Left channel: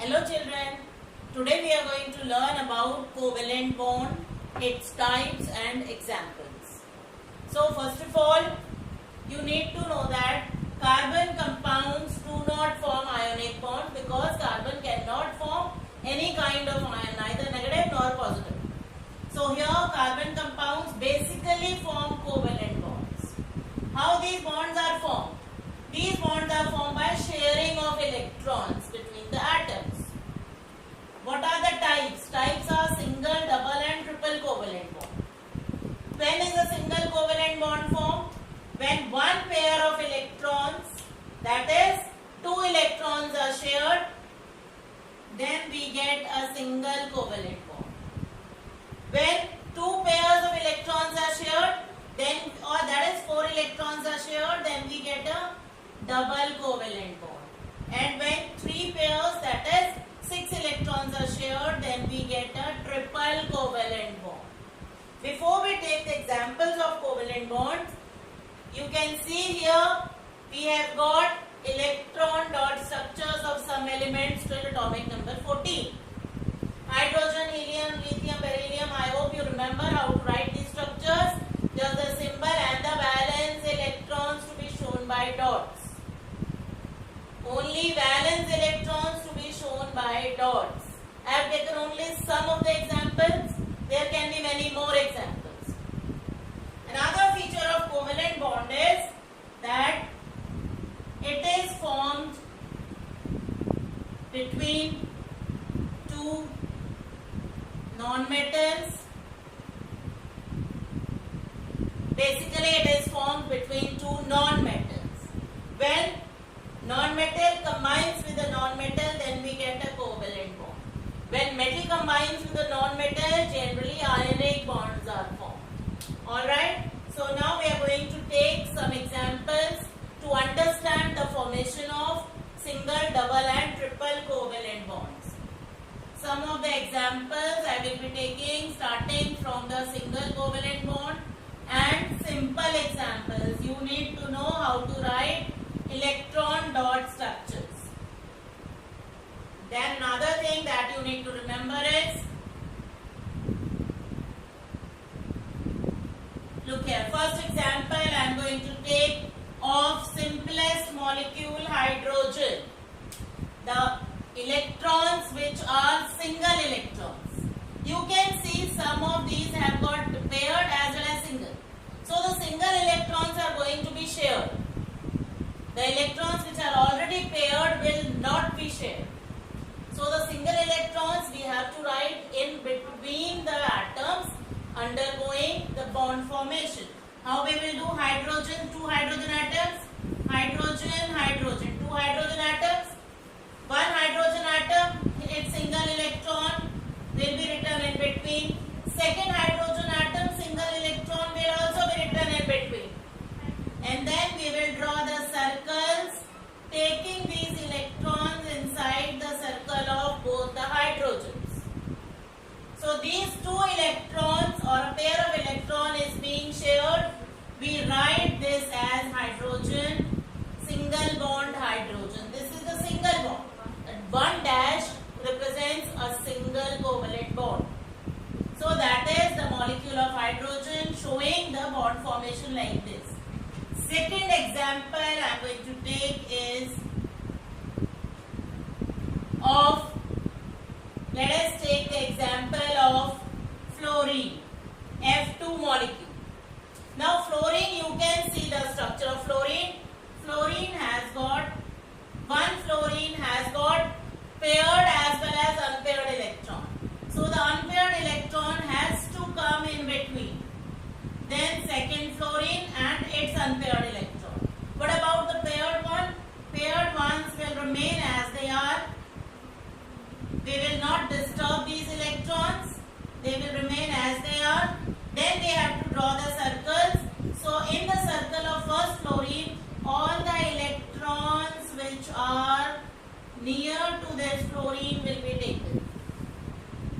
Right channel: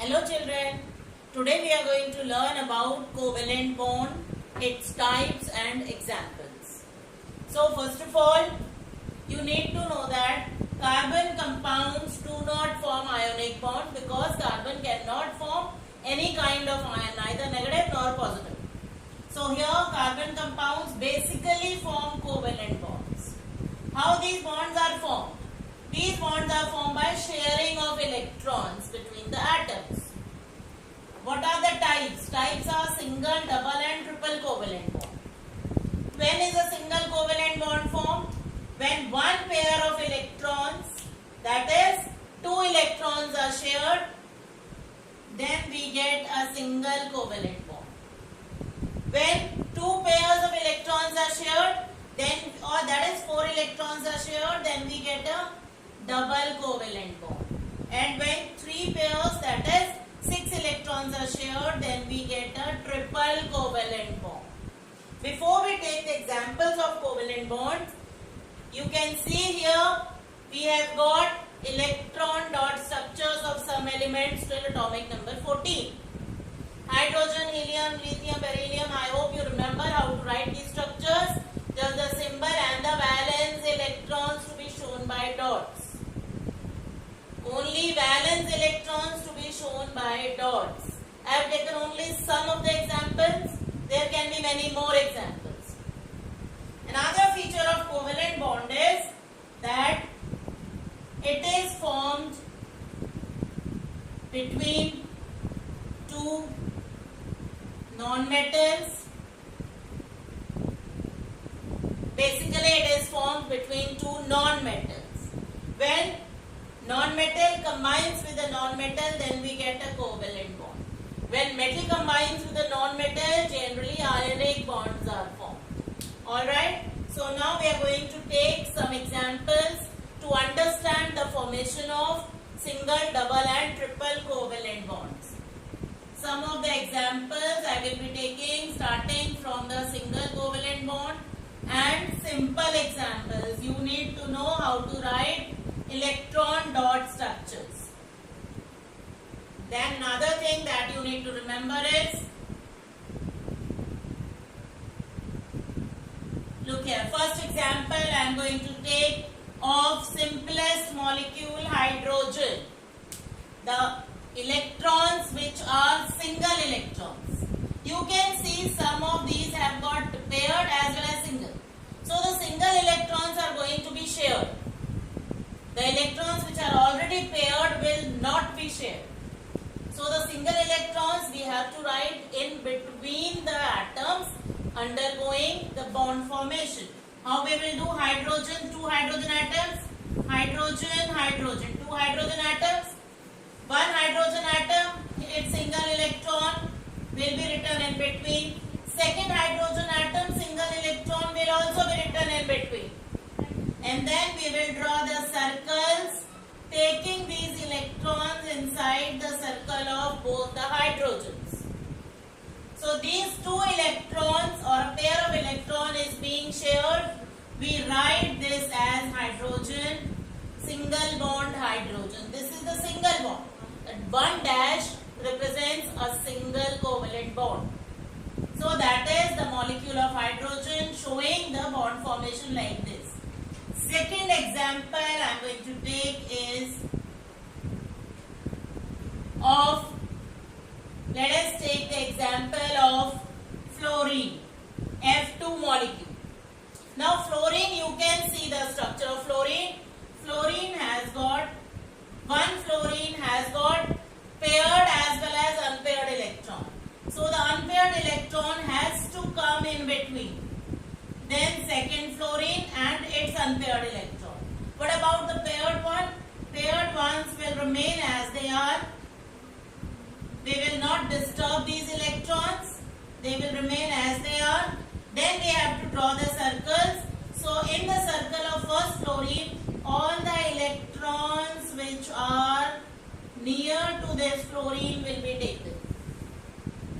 Hello children, today we are going to learn about covalent bond, its types and examples. So first of all, you need to know that carbon compounds do not form ionic bond because carbon cannot form any kind of ion, neither negative nor positive. So here carbon compounds basically form covalent bonds. How these bonds are formed? These bonds are formed by sharing of electrons between the atoms. What are the types? Types are single, double and triple covalent bond. When is a single covalent bond formed? When one pair of electrons, that is 2 electrons are shared, then we get a single covalent bond. When 2 pairs of electrons are shared, then or that is 4 electrons are shared, then we get a double covalent bond. And when 3 pairs, that is 6 electrons are shared, then we get a triple covalent bond. Before we take the examples of covalent bonds, you can see here we have got electron dot structures of some elements till atomic number 14. Hydrogen, helium, lithium, beryllium. I hope you remember how to write these structures. Just the symbol and the valence electrons to be shown by dots. Only valence electrons to be shown by dots. I have taken only some of the examples. There can be many more examples. Another feature of covalent bond is that it is formed between two non-metals. Basically, it is formed between two non-metals. When non-metal combines with a non-metal, then we get a covalent bond. When metal combines with a non-metal, generally ionic bonds are formed. Alright, so now we are going to take some examples to understand the formation of single, double and triple covalent bonds. Some of the examples I will be taking starting from the single covalent bond and simple examples. You need to know how to write electron dot structures. Then another thing that you need to remember is, look here, first example I am going to take of simplest molecule, hydrogen. The electrons which are single electrons. You can see some of these have got paired as well as single. So the single electrons are going to be shared. The electrons which are already paired will not be shared. So the single electrons we have to write in between the atoms undergoing the bond formation. How we will do? Hydrogen, 2 hydrogen atoms, hydrogen, hydrogen, 2 hydrogen atoms, 1 hydrogen atom, its single electron will be written in between. Second hydrogen atom, single electron will also be written in between. And then we will draw the circles taking these electrons inside the circle of both the hydrogens. So these 2 electrons or a pair of electron is being shared. We write this as hydrogen, single bond hydrogen. This is the single bond. And 1 dash represents a single covalent bond. So that is the molecule of hydrogen showing the bond formation like this. Second example I am going to take is of, let us take the example of fluorine, F2 molecule. Now fluorine, you can see the structure of fluorine. Fluorine has got, one fluorine has got paired as well as unpaired electron. So the unpaired electron has to come in between. Then second fluorine and its unpaired electron. What about the paired one? Paired ones will remain as they are. They will not disturb these electrons. They will remain as they are. Then we have to draw the circles. So in the circle of first fluorine, all the electrons which are near to this fluorine will be taken.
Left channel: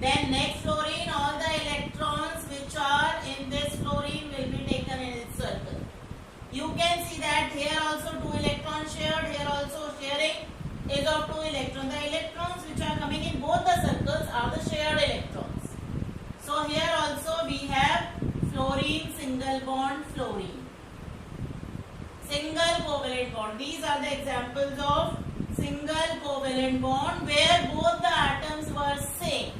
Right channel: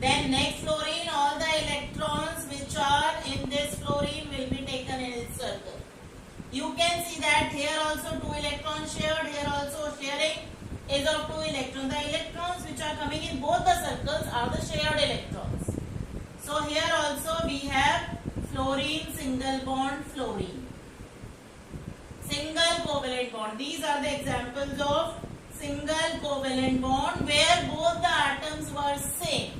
Then next fluorine, all the electrons which are in this fluorine will be taken in its circle. You can see that here also 2 electrons shared, here also sharing is of 2 electrons. The electrons which are coming in both the circles are the shared electrons. So here also we have fluorine single bond fluorine. Single covalent bond. These are the examples of single covalent bond where both the atoms were same.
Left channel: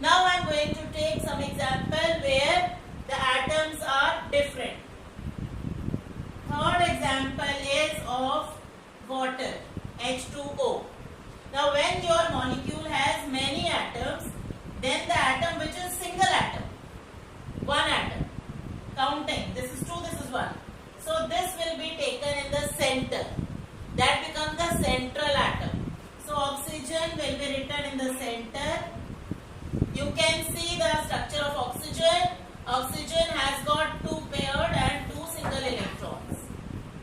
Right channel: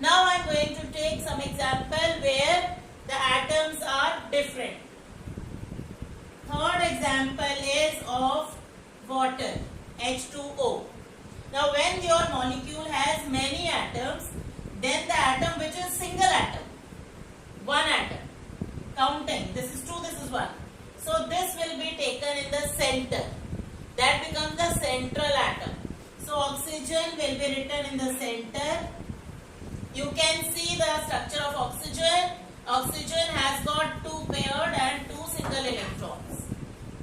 Now I am going to take some example where the atoms are different. Third example is of water, H2O. Now when your molecule has many atoms, then the atom which is single atom, one atom, counting, this is 2, this is 1. So this will be taken in the center. That becomes the central atom. So oxygen will be written in the center. You can see the structure of oxygen. Oxygen has got 2 paired and 2 single electrons.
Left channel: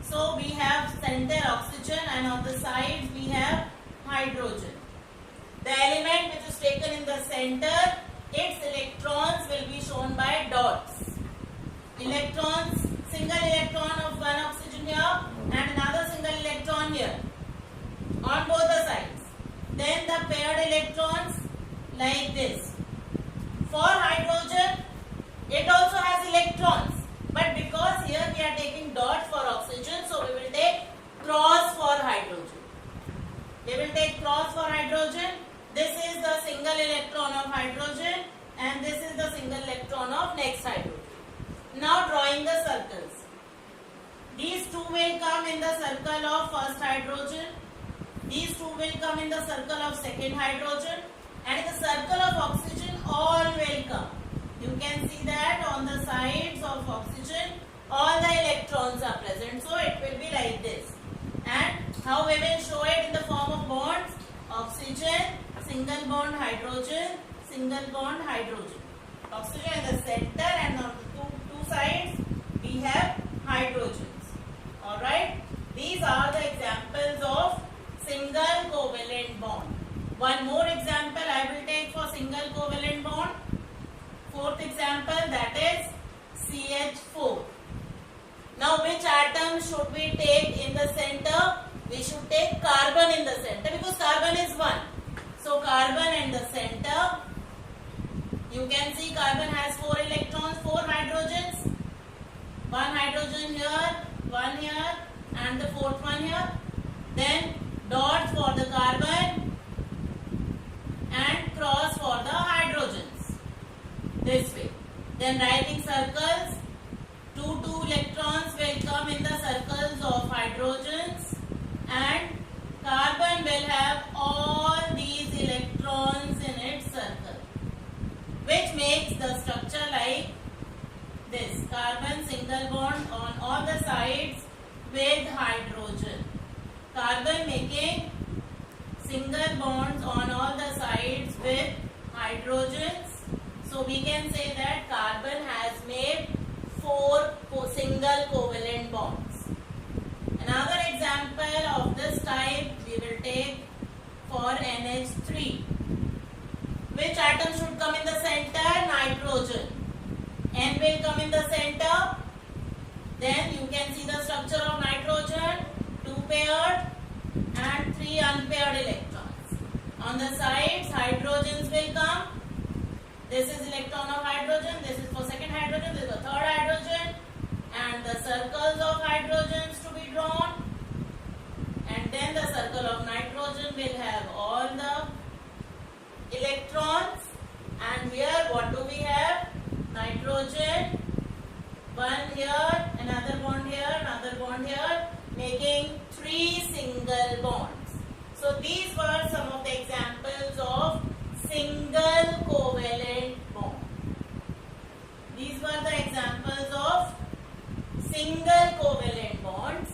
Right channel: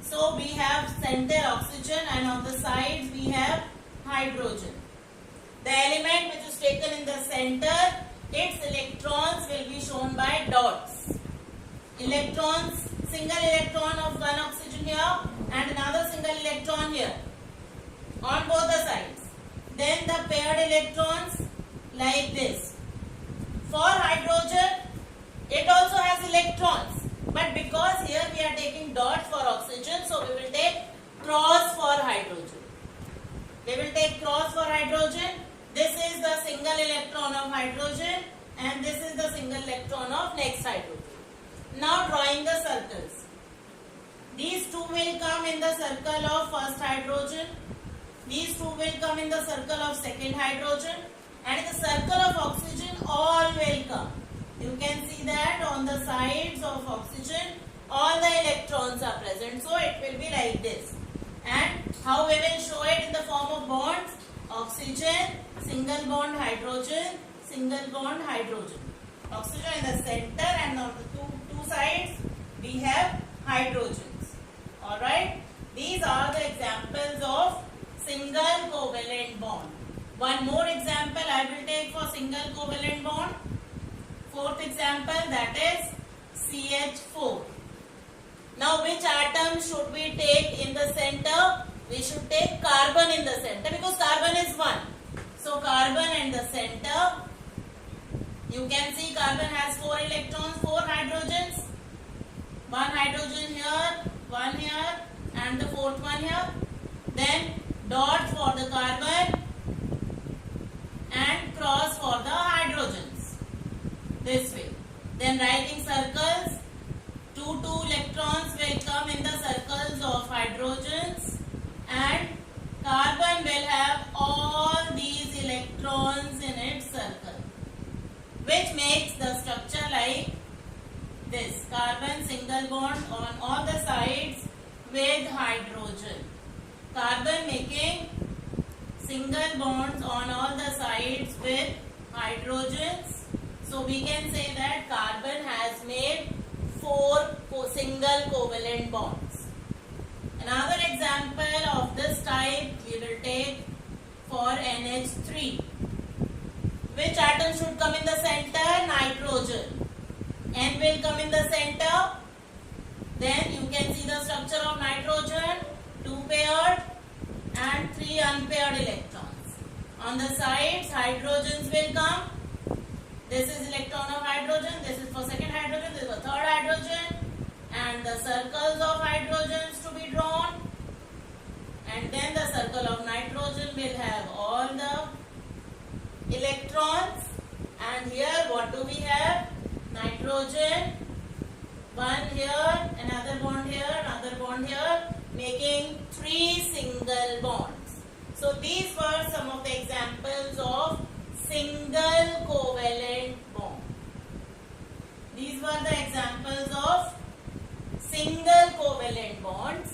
So we have center oxygen and on the sides we have hydrogen. The element which is taken in the center, its electrons will be shown by dots. Electrons, single electron of one oxygen here and another single electron here on both the sides. Then the paired electrons like this. For hydrogen, it also has electrons, but because here we are taking dots for oxygen, so we will take cross for hydrogen. We will take cross for hydrogen. This is the single electron of hydrogen and this is the single electron of next hydrogen. Now drawing the circles. These 2 will come in the circle of first hydrogen. These 2 will come in the circle of second hydrogen. And in the circle of oxygen, all will come. You can see that on the sides of oxygen, all the electrons are present. So it will be like this. And how we will show it in the form of bonds? Oxygen, single bond hydrogen, single bond hydrogen. Oxygen in the center and on the two sides we have hydrogens. Alright. These are the examples of single covalent bond. One more example I will take for single covalent bond. Fourth example, that is CH4. Now which atom should we take in the center? We should take carbon in the center because carbon is 1. So carbon in the center. You can see carbon has 4 electrons, 4 hydrogens. 1 hydrogen here, 1 here and the 4th one here. Then dot for the carbon and cross for the hydrogens. This way. Then writing circles. 2 electrons will come in the circles of hydrogens and carbon will have all these electrons in its circle, which makes the structure like this. Carbon single bond on all the sides with hydrogen. Carbon making single bonds on all the sides with hydrogens. So we can say that carbon has made 4 single covalent bonds. Another example of this type we will take for NH3. Which atom should come in the center? Nitrogen. N will come in the center. Then you can see the structure of nitrogen, 2 paired and 3 unpaired electrons. On the sides, hydrogens will come. This is electron of hydrogen, this is for second hydrogen, this is for third hydrogen, and the circles of hydrogens to be drawn. And then the circle of nitrogen will have all the electrons. And here what do we have? Nitrogen, 1 here, another bond here, making 3 single bonds. So these were some of the examples of single covalent bond. These were the examples of single covalent bonds.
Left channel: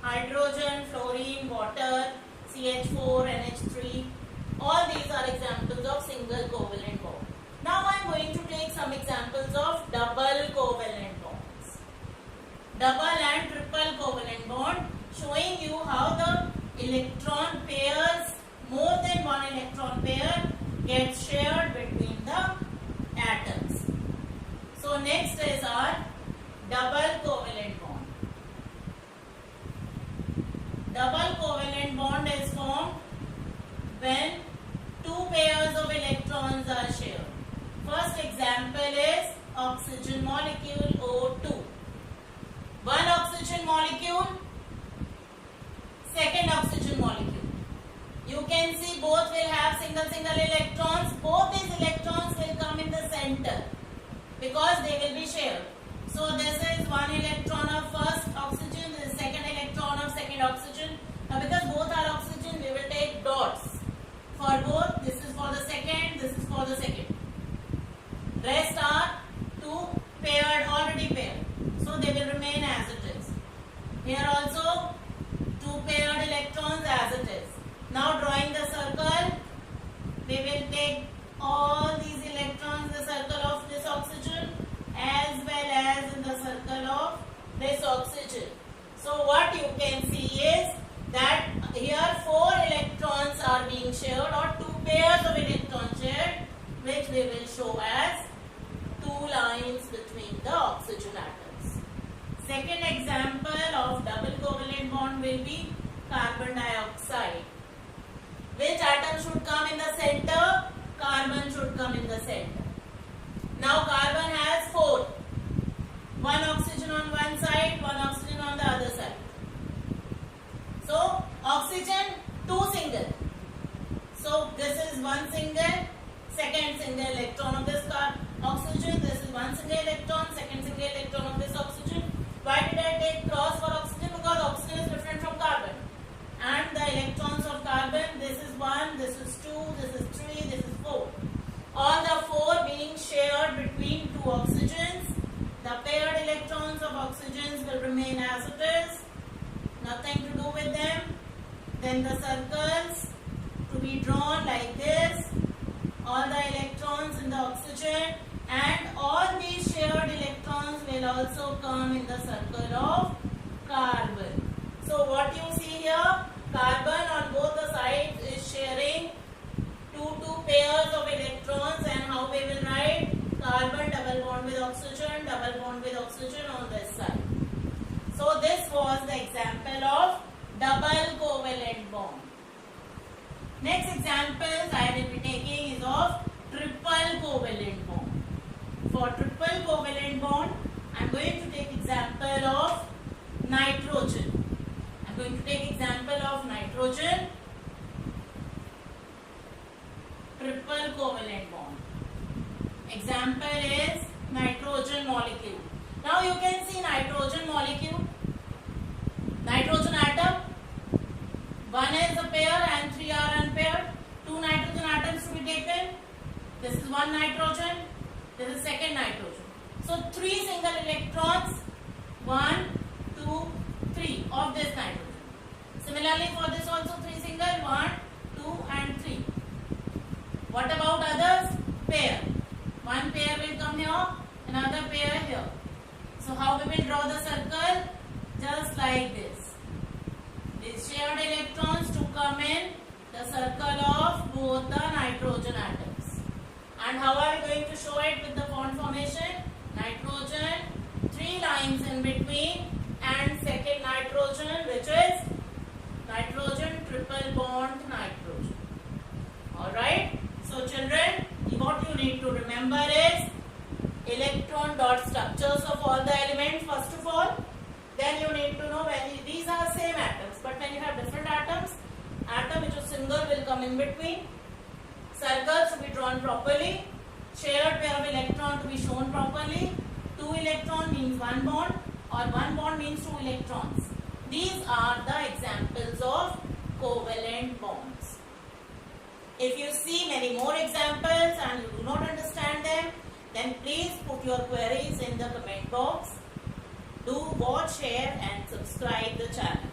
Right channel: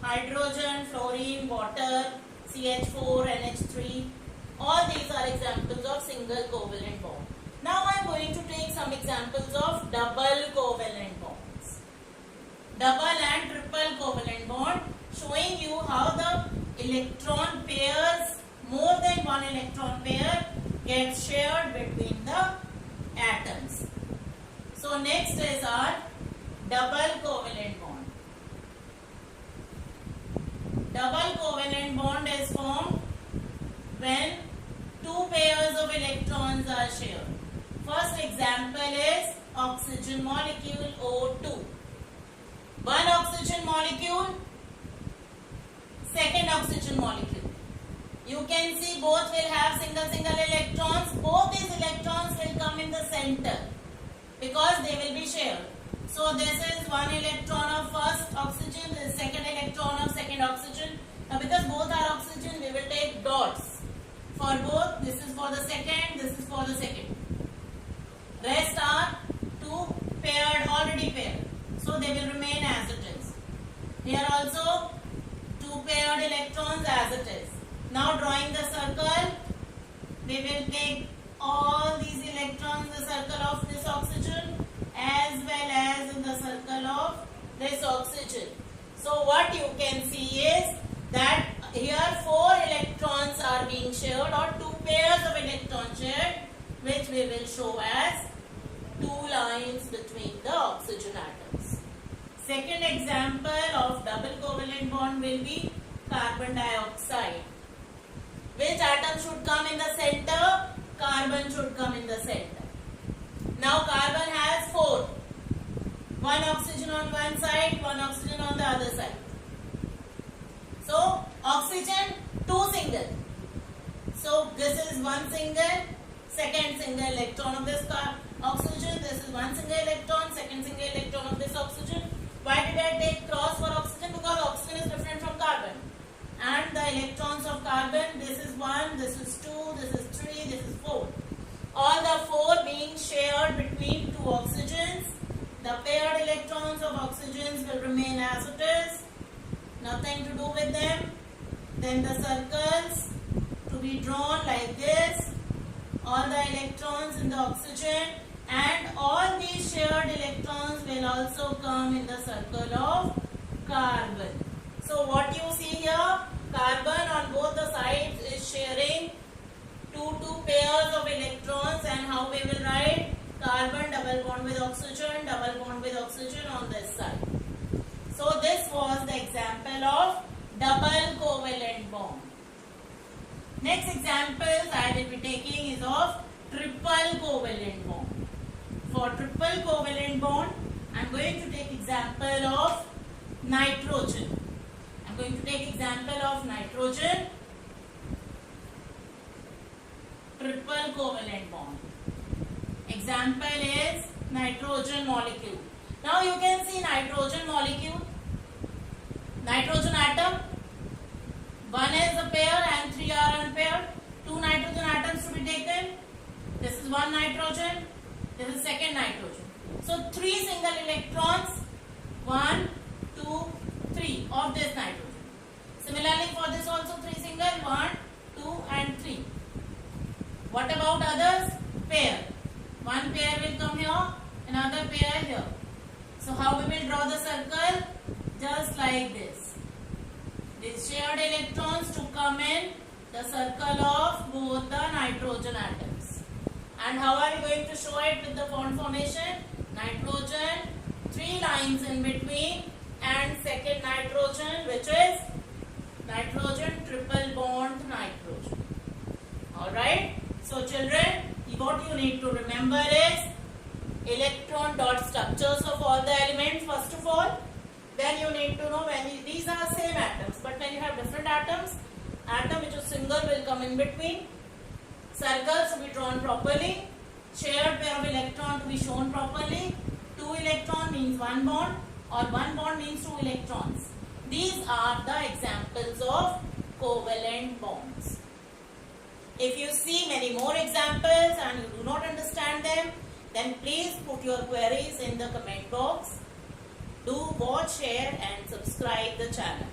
Hydrogen, fluorine, water, CH4, NH3. All these are examples of single covalent bond. Now I am going to take some examples of double covalent bonds. Double and triple covalent bond, showing you how the electron pairs, more than one electron pair, gets shared between the atoms. So next is our double covalent bond. Double covalent bond is formed when 2 electrons are shared. First example is oxygen molecule O2. One oxygen molecule, second oxygen molecule. You can see both will have single electrons. Both these electrons will come in the center because they will be shared. So this is one electron of first oxygen, this is second electron of second oxygen. Now because both are oxygen, we will take dots for both. This is for the second, this is for the second. Rest are two paired, already paired. So they will remain as it is. Here also two paired electrons as it is. Now drawing the circle, we will take all these electrons in the circle of this oxygen as well as in the circle of this oxygen. So what you can see is that here 4 electrons are being shared, or 2 pairs of electrons shared, which we will show as 2 lines between the oxygen atoms. Second example of double covalent bond will be carbon dioxide. Which atom should come in the center? Carbon should come in the center. Now carbon has 4. One oxygen on one side, one oxygen on the other side. So oxygen, 2 single. So this is one single, second single electron of this oxygen. This is one single electron, second single electron of this oxygen. Why did I take cross for oxygen? Because oxygen is different from carbon. And the electrons of carbon, this is 1, this is 2, this is 3, this is 4. All the 4 being shared between 2 oxygens. The paired electrons of oxygens will remain as it is. Nothing to do with them. Then the circles to be drawn like this. All the electrons in the oxygen, and all these shared electrons will also come in the circle of carbon. So what you see here, carbon on both the sides is sharing two pairs of electrons, and how we will write? Carbon double bond with oxygen, double bond with oxygen on this side. So this was the example of double covalent bond. Next examples I will be taking is of triple covalent bond. For triple covalent bond, I am going to take example of nitrogen. I am going to take example of nitrogen. Triple covalent bond. Example is nitrogen molecule. Now you can see nitrogen molecule. Nitrogen atom. 1 is a pair and 3 are unpaired. 2 nitrogen atoms to be taken. This is 1 nitrogen. This is second nitrogen. So 3 single electrons. 1, 2, 3 of this nitrogen. Similarly for this also 3 single. 1, 2 and 3. What about others? Pair. 1 pair will come here. Another pair here. So how we will draw the circle? Just like this. These shared electrons to come in the circle of both the nitrogen atoms. And how are we going to show it with the bond formation? Nitrogen, 3 lines in between, and second nitrogen, which is nitrogen triple bond nitrogen. Alright. So children, what you need to remember is electron dot structures of all the elements first of all. Then you need to know when these are same atoms, but when you have different atoms, atom which is single will come in between. Circles to be drawn properly. Shared pair of electron to be shown properly. 2 electron means 1 bond, or 1 bond means 2 electrons. These are the examples of covalent bonds. If you see many more examples and you do not understand them, then please put your queries in the comment box. Do watch, share and subscribe the channel.